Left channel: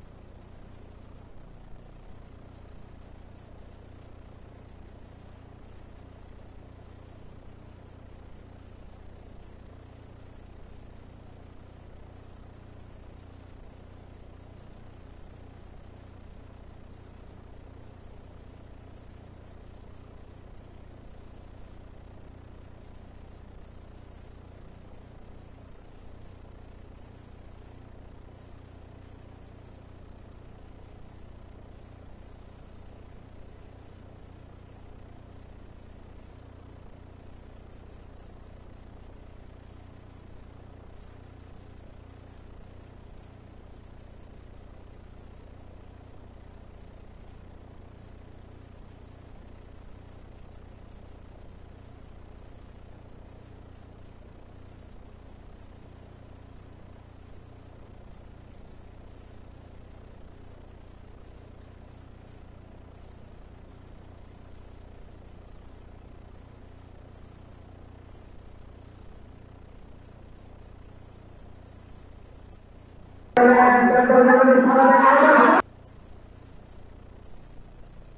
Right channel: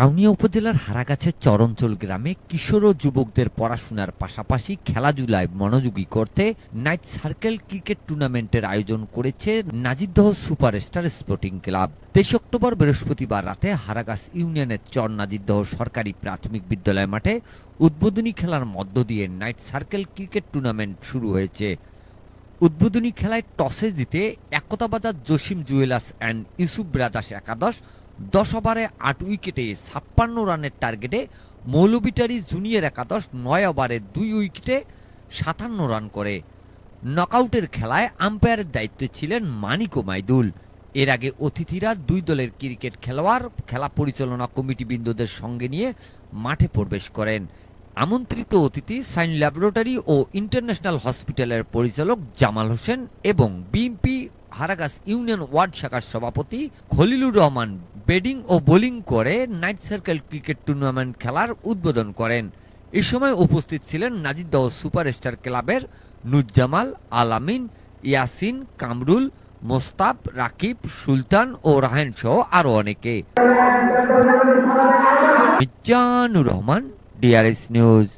কাউনিয়া উপজেলার হারাগাছের চরঞ্চল গ্রামে কিশোর ও যুবকদের পড়াশোনার পাশাপাশি খেলাধুলায় মনোযোগী করতে নাইট সার্কেল ক্রিকেট টুর্নামেন্টের আয়োজন করেছে নাজিরদহ সুপারস্টার স্পোর্টিং ক্লাব। 23 অক্টোবর বৃহস্পতিবার রাতে হারাগাছ ইউনিয়নের চর নাজিরদহ সরকারি প্রাথমিক বিদ্যালয় মাঠে উদ্বোধনী খেলার মধ্য দিয়ে নাইট সার্কেল ক্রিকেট টুর্নামেন্ট শুরু হয়েছে। উদ্বোধনী খেলায় টসে জিতে Ektabazar Jasim jewellers and Yusuf brothers একাদশ 10 ওভারে 8 উইকেটে 56 রানের টার্গেটে মৌলভিটারি জুনিয়র একাদশ 9 ওভারে 2 উইকেটে 57 রান করে। নকআউটের খেলায় আম্পায়ারের দায়িত্বে ছিলেন মানিক ও মাইদুল। এর আগে অতিথিরা দুই দলের ক্রিকেট খেলোয়াড় খেলা পরিচালনা কমিটিবৃন্দদের সঙ্গে নিয়ে মাঠে প্রবেশ করেন। আমন্ত্রিত অতিথি সাইন ল্যাবরেটরি ও ইন্টারন্যাশনাল হসপিটালের পরিচালক জামাল হোসেন এবং বিএনপি হারাগাছ ইউনিয়ন ওয়ার্ড শাখার সভাপতি খলিলুর রহমান ব্যাটিং ও বোলিং করে নাইট সার্কেল ক্রিকেট টুর্নামেন্ট খেলার উদ্বোধন করেন। এ সময় উপস্থিত ছিলেন নাজিরদহ সুপারস্টার ক্লাবের নুজ্জামাল, আলামিন, ইয়াসিন, কামরুল, মোস্তাব, রাকিব, সুলতান ও রাহেন সহ আরো অনেকে। Mizanur Rahman, DRS news.